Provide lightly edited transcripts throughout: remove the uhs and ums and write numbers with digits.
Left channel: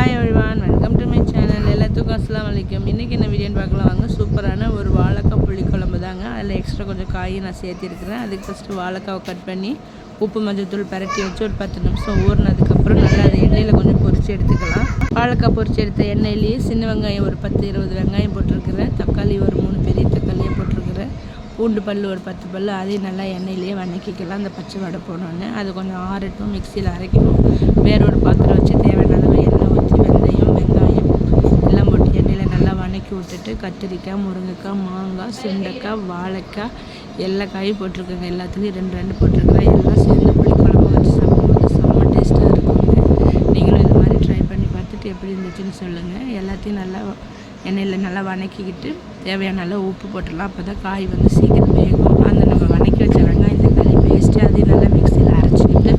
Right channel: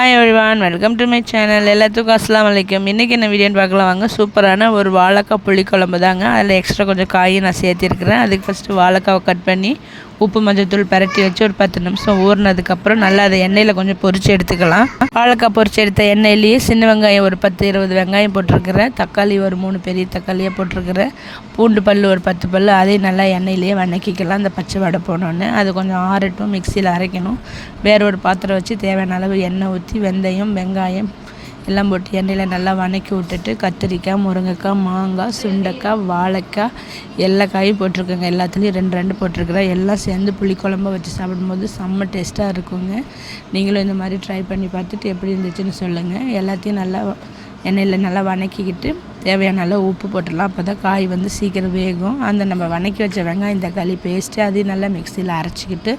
Hi everyone, welcome to my channel. எல்லாத்துக்கும் அஸ்ஸலாமு அலைக்கும். இன்றைக்கி என்ன வீடியோன்னு பார்க்கலாம் வாங்க. சூப்பரான ஒரு வாழைக்காய் புளிக்குழம்பு தாங்க. அதில் எக்ஸ்ட்ரா கொஞ்சம் காயும் நான் சேர்த்திருக்கிறேன். அதுக்கு ஃபஸ்ட்டு வாழைக்காவை கட் பண்ணி உப்பு மஞ்சத்தூள் பரட்டி வச்சு ஒரு 10 நிமிஷம் ஊறினதுக்கப்புறம் நல்லா அதை எண்ணெயில் கொஞ்சம் பொரித்து எடுத்துக்கலாம். வாழைக்காய் பொரித்து எடுத்த எண்ணெயிலேயே சின்ன வெங்காயம் ஒரு 10-20 வெங்காயம் போட்டிருக்கிறேன். தக்காளி ஒரு 3 பெரிய தக்காளியாக போட்டிருக்கிறேன். பூண்டு பல் ஒரு 10 பல், அதையும் நல்லா எண்ணெயிலேயே வணக்கிக்கலாம். அந்த பச்சை வடை போனோடனே அது கொஞ்சம் ஆறட்டும், மிக்சியில் அரைக்கணும். வேற ஒரு பாத்திரம் வச்சு தேவையான அளவு எண்ணெய் ஊற்றி வெந்தயம் வெங்காயம் எல்லாம் போட்டு எண்ணெயில் நல்லா வணக்கி விட்டுட்டு கத்திரிக்காய், முருங்கைக்காய், மாங்காய், சுண்டைக்காய், வாழைக்காய் எல்லா காயும் போட்டிருக்கேங்க. எல்லாத்துலேயும் 2 போட்டிருக்கிறேன். எல்லாம் சேர்ந்து புளிக்குழம்பு வச்சு சாப்பிடும்போது செம்ம டேஸ்ட்டாக இருக்குங்க. நீங்களும் இந்த மாதிரி ட்ரை பண்ணி பார்த்துட்டு எப்படி இருந்துச்சுன்னு சொல்லுங்கள். எல்லாத்தையும் நல்லா எண்ணெயில் நல்லா வணக்கிக்கிட்டு தேவையான அளவு உப்பு போட்டுடலாம். அப்போ தான் காய் வந்து சீக்கிரம் வேகும். அந்த நம்ம வணக்கி வச்ச வெங்காயம் தக்காளி பேஸ்ட்டு அதையும் நல்லா மிக்சியில் அரைச்சிக்கிட்டு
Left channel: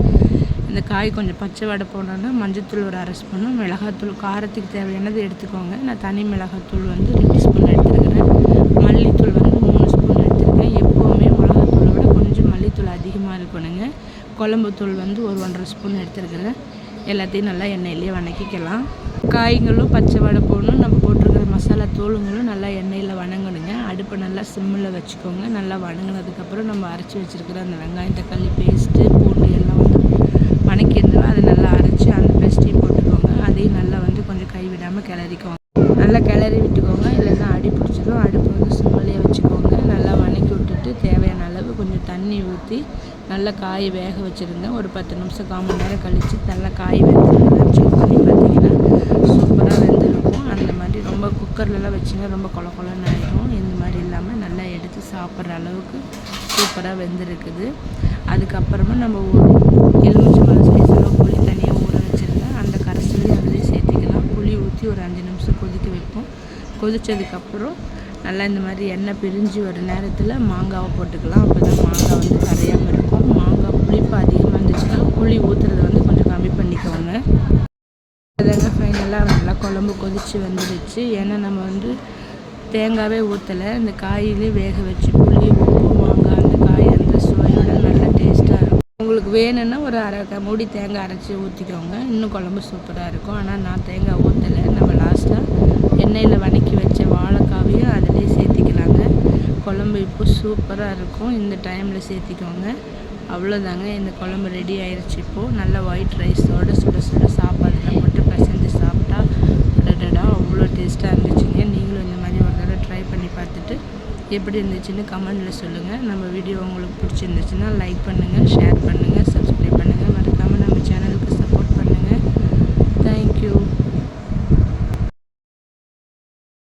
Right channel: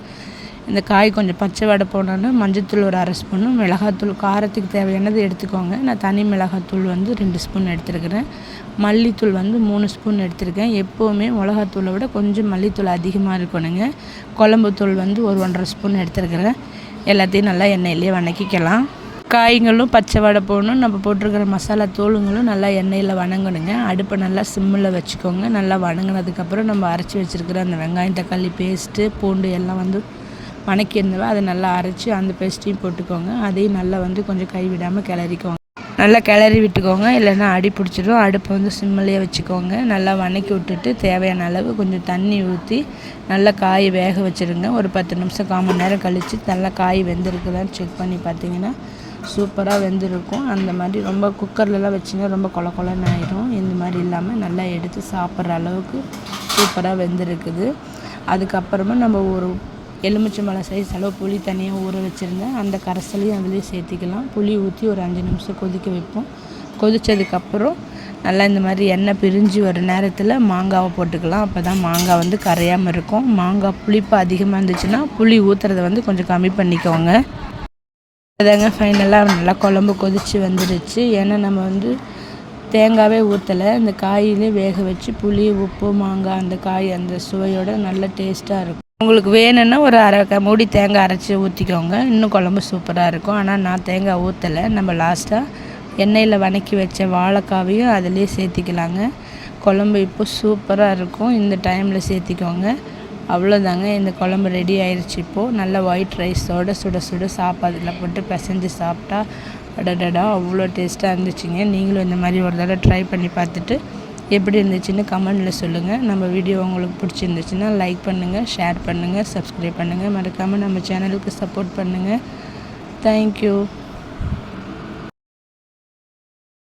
இந்த காய் கொஞ்சம் பச்சை வடை போனோன்னா மஞ்சத்தூள் ஒரு 1/2 ஸ்பூனு, மிளகாத்தூள் காரத்துக்கு தேவையானது எடுத்துக்கோங்க. நான் தனி மிளகாத்தூள் வந்து 2 ஸ்பூன் எடுத்துருக்கிறேன். மல்லித்தூள் வந்து 3 ஸ்பூன் எடுத்துருக்கேன். எப்போவுமே மிளகாத்தூளை விட கொஞ்சம் மல்லித்தூள் அதிகமாக இருக்கணுங்க. குழம்புத்தூள் வந்து ஒரு 1/2 ஸ்பூன் எடுத்துருக்கிறேன். எல்லாத்தையும் நல்லா எண்ணெயிலேயே வணக்கிக்கலாம். காய்களும் பச்சை வடை போடணும். நம்ம போட்டிருக்கிற மசாலா தூளுங்களும் நல்லா எண்ணெயில் வணங்கணுங்க. அடுப்பை நல்லா சிம்மில் வச்சுக்கோங்க. நல்லா வணங்கினதுக்கப்புறம் நம்ம அரைச்சி வச்சுருக்கிற அந்த வெங்காயம் தக்காளி பேஸ்ட்டு பூண்டு எல்லாம் வந்து வணக்கி இருந்தோம். அதை நல்லா அரைச்சி அந்த பேஸ்ட்டையும் போட்டுக்கோங்க. அதையும் நல்லா வந்து கொஞ்சம் கைவிடாமல் கிளறிக்கோங்க. நல்லா கிளறி விட்டுக்கோங்க, இல்லைன்னா அடி பிடிச்சிடும். அடுப்பை வந்து சிம்மிலேயே வச்சுக்கோங்க. நல்லா வணக்கி விட்டுட்டு தேவையான அளவு கொஞ்சம் தண்ணி ஊற்றி நல்லா காய் வேக வச்சுருங்க. ஒரு 10 நிமிஷம் 1/4 மணி நேரம் கழித்து நல்லா காய் வெந்திருக்குதான்னு செக் பண்ணி பார்த்தீங்கன்னா சூப்பராக வெந்திருக்கும். அந்த மாதிரி ரொம்ப குக்கர்லலாம் வச்சிங்கன்னா ரொம்ப கொலன்னு ஆயிடும். இந்த மாதிரி இல்லாமல் நல்லா எடுத்து சாப்பிட்ற அளவுக்கு சூப்பராக வெந்திருக்குது. அதுக்கப்புறமா நம்ம ஒரு எலுமிச்சம்பழம் சைஸில் புளி தனியாக ஊற வச்சுருந்தேன். அந்த கரைசலையும் அதுலேயும் சேர்த்திக்கலாம். புளி ஊற்றி ஒரு 5 நிமிஷம் கொதிக்க வைப்போம். கொதித்ததுக்கப்புறம் நல்லா இந்த மாதிரி எண்ணெய் பிரிஞ்சு வர நேரத்தில் மாங்காவை போட்டுக்கலாம். அப்போ தான் மாங்காய் வந்து கரையாமல் இருக்கும். மாங்காய் புளிப்பு அதிகமாக இருந்துச்சுன்னா புளி ஊற்றுறதை வந்து கொஞ்சம் கம்மி பண்ணிக்கோங்க. அதாங்க ஃபைனலாக நல்லா குழம்பு கொதித்து வந்துடுச்சு. ஏன்னா நம்ம வந்து தேங்காவே ஊற்றலை, இந்த காயிலே வேக வச்சு புளி உப்பு மாங்காய் அந்த காய் அந்த சுவையோட நல்ல டேஸ்ட்டாக இருக்கும். உங்களுக்கு வேணும்னா ஒரு 1/2 மூடி தேங்காய் அரைச்சி ஊற்றிக்கோங்க. இன்னும் குழம்பு சூப்பராக இருக்கும். ஆனால் நான் தேங்காய் ஊற்றலை. நம்ம லாஸ்ட்டாக எண்ணெயில் வணக்கி வச்ச வாழைக்காவையும் அதிலே சேர்த்திக்கலாங்க. குழம்பு இப்போ சூப்பராக இருக்கும். இந்த டைமில் சேர்த்திக்கோங்க. அவ்வளோதாங்க, இந்த குழம்பு ரெடி ஆயிடுச்சு. இப்போது நல்லா ஒயிட் ரைஸோடு சுட சுட சாப்பாட்டில் போட்டு பிசைஞ்சு சாப்பிட்டா அடடடா அவ்வளோ டேஸ்ட்டாக இருந்துச்சுங்க. நீங்களும் இந்த மாதிரி ஒரு தடவை ட்ரை பண்ணி பார்த்துட்டு எப்படி இருந்துச்சுன்னு கமெண்டில் சொல்லுங்கள். நம்ம வீடியோ உங்களுக்கு பிடிச்சிருந்துச்சுன்னா லைக் பண்ணுங்கள், ஷேர் பண்ணுங்கள், சப்ஸ்கிரைப் பண்ணுங்கள். மறக்காமல் நம்ம சேனலுக்கு சப்போர்ட் பண்ணுங்கள். தேங்க்யூ.